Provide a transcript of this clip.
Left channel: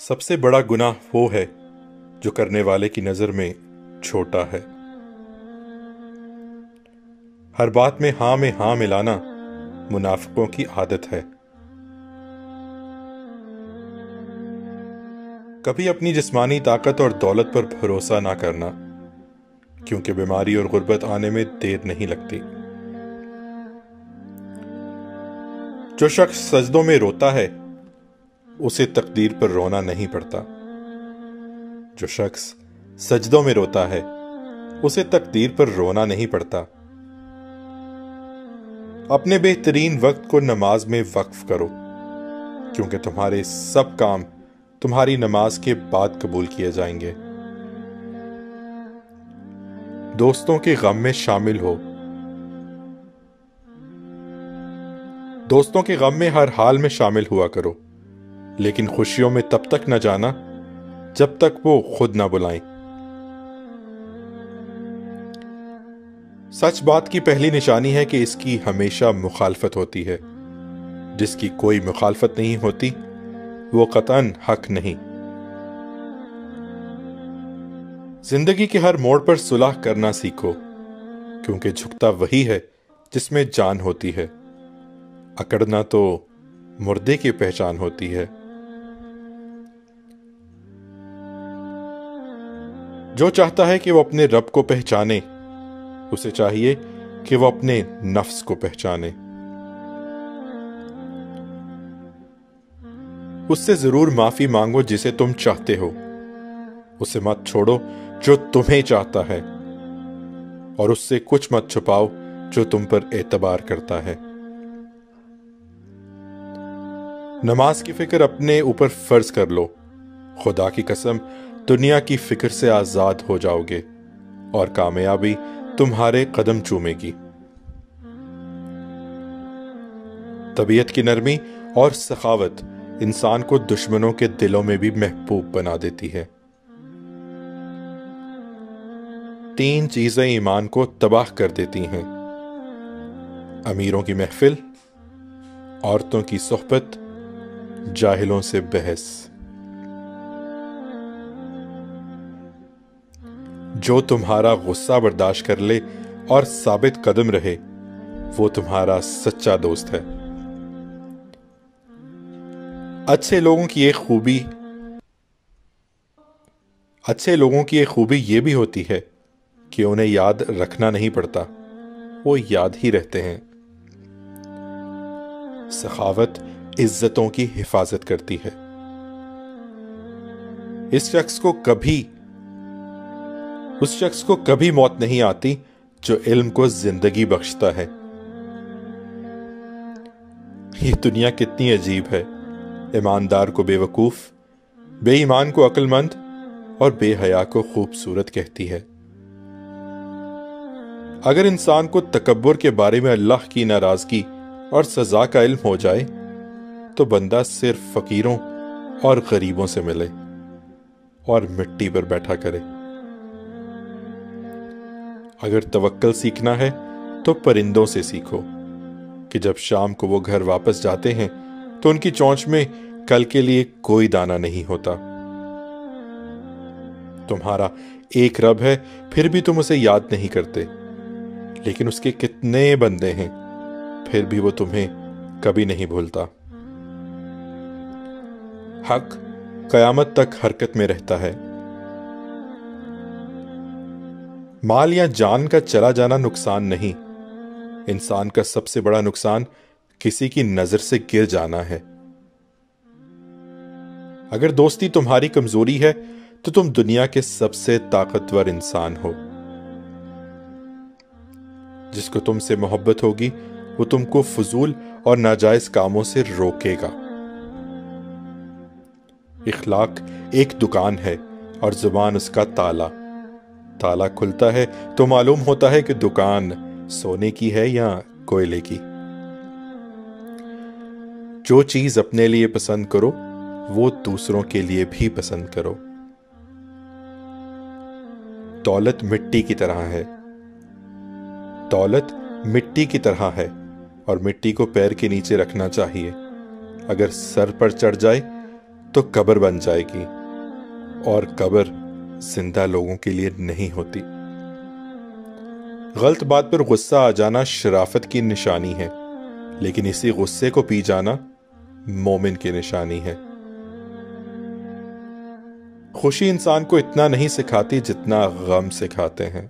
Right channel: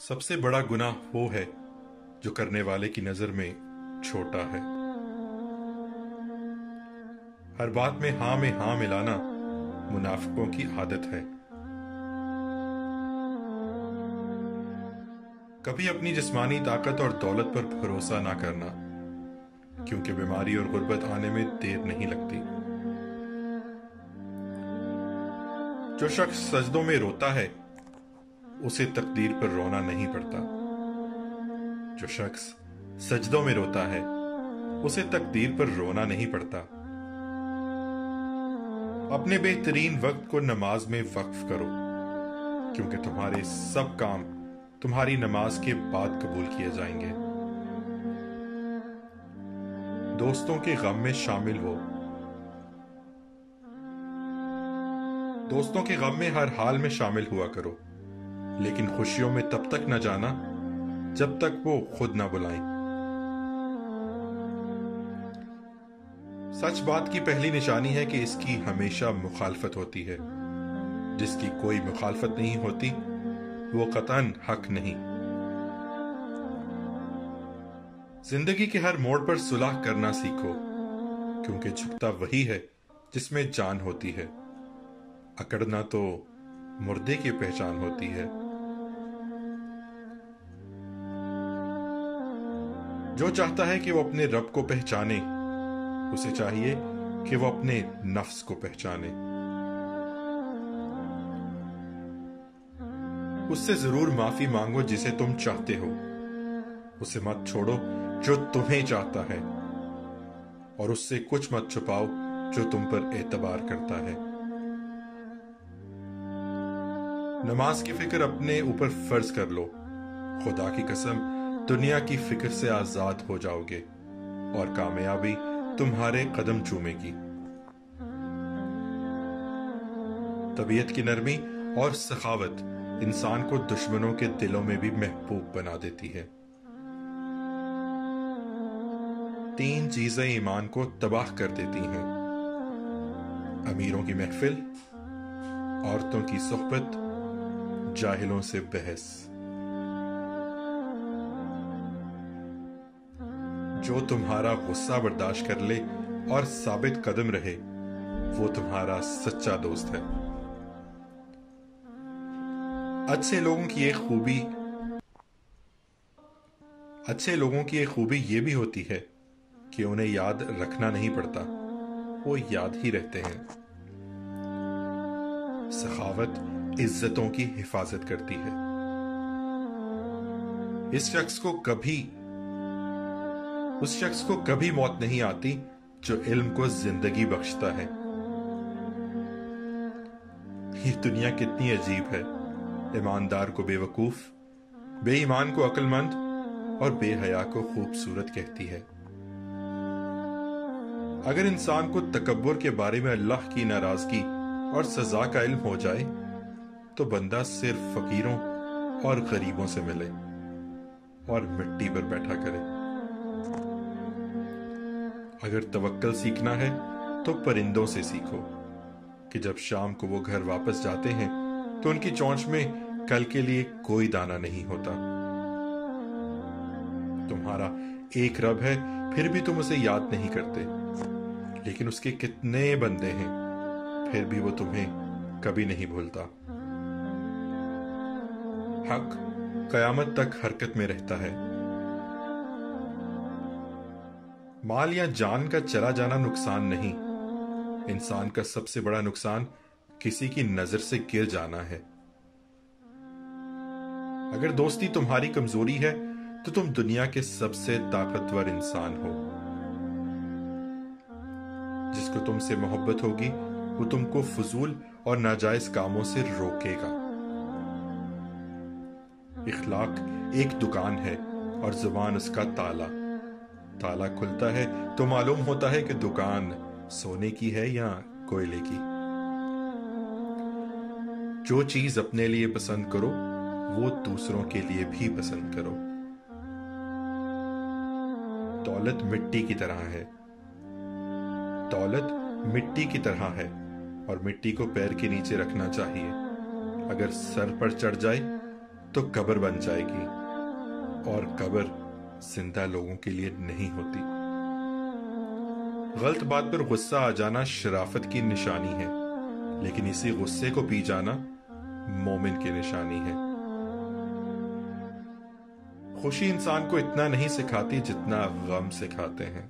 سب سے بڑا گناہ وہ ہے جو کرنے والے کی نظر میں چھوٹا ہے۔ ہر بات میں ہاں ملانا منافقوں کی عادت ہے۔ کبھی اپنی جسمانی طاقت اور دولت پر بھروسہ نہ کرنا، کیونکہ بیماری اور غربت آنے میں دیر نہیں لگتی۔ جو شخص سجدوں میں روتا ہے اسے تقدیر پر رونا نہیں پڑتا۔ جو شخص سجدوں میں روتا ہے اسے تقدیر پر رونا نہیں پڑتا۔ اپنے بہترین وقت کو نماز میں وقف کرو، کیونکہ تمہارے سب کام تمہاری نماز کے بعد قبول کیے جائیں گے۔ دوستوں کے غم میں شامل ہو۔ دوستوں کے غم میں ہر حال میں شامل ہوا کرو، لیکن خوشیوں میں تب تک نہ جانا جب تک وہ خود نہ بلائیں۔ سچ بات کی پہلی نشانی ہے کہ اس کی ہمیشہ مخالفت ہوتی ہے۔ جس کی کوئی مخالفت نہیں ہوتی وہ قطعاً حق نہیں۔ زندگی کے ہر موڑ پر صلح کرنا سیکھو، کیونکہ جھکتا وہی ہے جس میں جان ہوتی ہے۔ اکڑنا تو مردے کی پہچان ہوتی ہے۔ جو چاہتا ہے کہ وہ اپنے رب کو پہچانے، اسے چاہیے کہ وہ اپنے نفس کو پہچانے۔ اس سے ضرور معافی مانگو جسے تم چاہتے ہو، اسے مت چھوڑو جو تمہیں چاہتا ہے، اور اس سے کچھ مت چھپاؤ جو تم پر اعتبار کرتا ہے۔ نماز کی فکر اپنے اوپر فرض کر لو، خدا کی قسم دنیا کی فکر سے آزاد ہو جاؤ گے اور کامیابی تمہارے قدم چومے گی۔ طبیعت کی نرمی اور سخاوت انسان کو دشمنوں کے دلوں میں بھی محبوب بنا دیتی ہے۔ 3 چیزیں ایمان کو تباہ کر دیتی ہیں: امیروں کی محفل، عورتوں کی صحبت، جاہلوں سے بحث۔ جو تمہارا غصہ برداشت کر لے اور ثابت قدم رہے وہ تمہارا سچا دوست ہے۔ اچھے لوگوں کی ایک خوبی یہ بھی ہوتی ہے کہ انہیں یاد رکھنا نہیں پڑتا، وہ یاد ہی رہتے ہیں۔ سخاوت عزتوں کی حفاظت کرتی ہے۔ اس شخص کو کبھی موت نہیں آتی جو علم کو زندگی بخشتا ہے۔ یہ دنیا کتنی عجیب ہے، ایماندار کو بے وقوف، بے ایمان کو عقل مند اور بے حیا کو خوبصورت کہتی ہے۔ اگر انسان کو تکبر کے بارے میں اللہ کی ناراضگی اور سزا کا علم ہو جائے تو بندہ صرف فقیروں اور غریبوں سے ملے اور مٹی پر بیٹھا کرے۔ اگر توکل سیکھنا ہے تو پرندوں سے سیکھو کہ جب شام کو وہ گھر واپس جاتے ہیں تو ان کی چونچ میں کل کے لیے کوئی دانہ نہیں ہوتا۔ تمہارا ایک رب ہے پھر بھی تم اسے یاد نہیں کرتے، لیکن اس کے کتنے بندے ہیں پھر بھی وہ تمہیں کبھی نہیں بھولتا۔ حق قیامت تک حرکت میں رہتا ہے۔ مال یا جان کا چلا جانا نقصان نہیں، انسان کا سب سے بڑا نقصان کسی کی نظر سے گر جانا ہے۔ اگر دوستی تمہاری کمزوری ہے تو تم دنیا کے سب سے طاقتور انسان ہو۔ جس کو تم سے محبت ہوگی وہ تم کو فضول اور ناجائز کاموں سے روکے گا۔ اخلاق ایک دکان ہے اور زبان اس کا تالا۔ تالا کھلتا ہے تو معلوم ہوتا ہے کہ دکان سونے کی ہے یا کوئلے کی۔ جو چیز اپنے لیے پسند کرو وہ دوسروں کے لیے بھی پسند کرو۔ دولت مٹی کی طرح ہے۔ دولت مٹی کی طرح ہے اور مٹی کو پیر کے نیچے رکھنا چاہیے۔ اگر سر پر چڑھ جائے تو قبر بن جائے گی، اور قبر زندہ لوگوں کے لیے نہیں ہوتی۔ غلط بات پر غصہ آ جانا شرافت کی نشانی ہے، لیکن اسی غصے کو پی جانا مومن کی نشانی ہے۔ خوشی انسان کو اتنا نہیں سکھاتی جتنا غم سکھاتے ہیں۔